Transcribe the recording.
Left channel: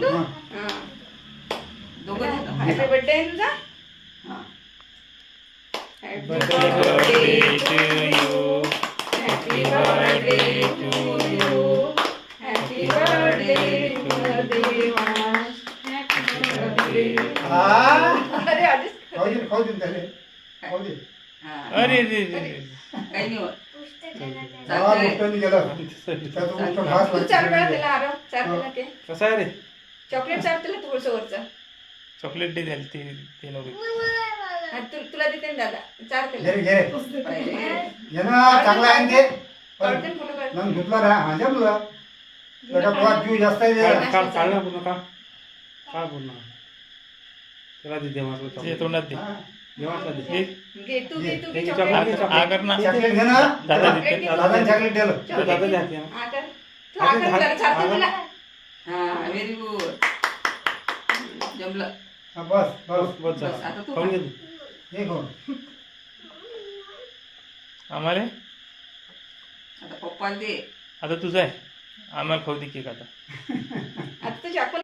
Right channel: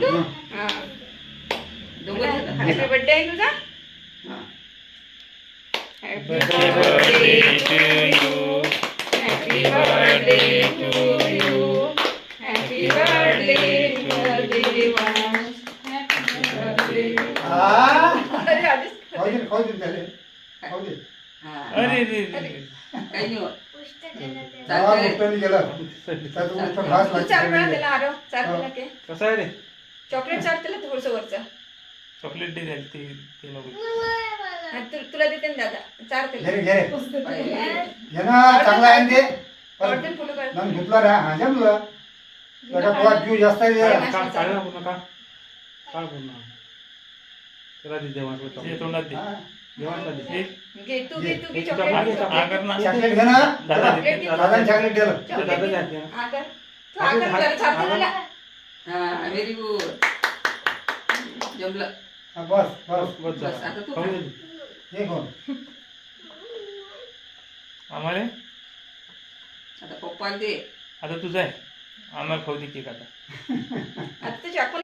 तू हा दोघं happy birthday आहे तुझा हा happy birthday to you happy birthday to you happy birthday Devansh happy birthday अरे आधीच खाऊ दे त्याले खाऊ दे अरे रे रे काही नाही पुष्टाने गेला त्याचा पुष्ट घास तू चार वेळा त्याला आरो चार त्याला के कसा आहे रे चॉकलेट चार त्याला थोडंसं वरचं चॉकलेट दे द्याल ते नको हा, तुला देते ना दादा चार त्याला घे घे पाहिजे. घे ना चांगला आहे ते आवडते फुलं काढ. मग धुतला रे हा जमलं त्याचा पोहात जीव जास्त आहे ते. काढ ना पूर्ण काढ पूर्ण त्याला दे देवाला ते तोंडात दे हा. देवाला दे घे तू घे हे चॉकलेट चॉकलेट कर ना चॉकलेट घे ना दादा दादा चॉकलेट दिलं ते दादा द्या हा कर तू हा कर जरा चार त्याला हा व्हेरी गुड जमलं हा, बस बस बस बस, आता तू खाऊन घे हे खाऊ आम्हाला आता पप्पाला दे आता तुझं आहे आम्हाला खाऊ दे केक आता आता तुझी आपण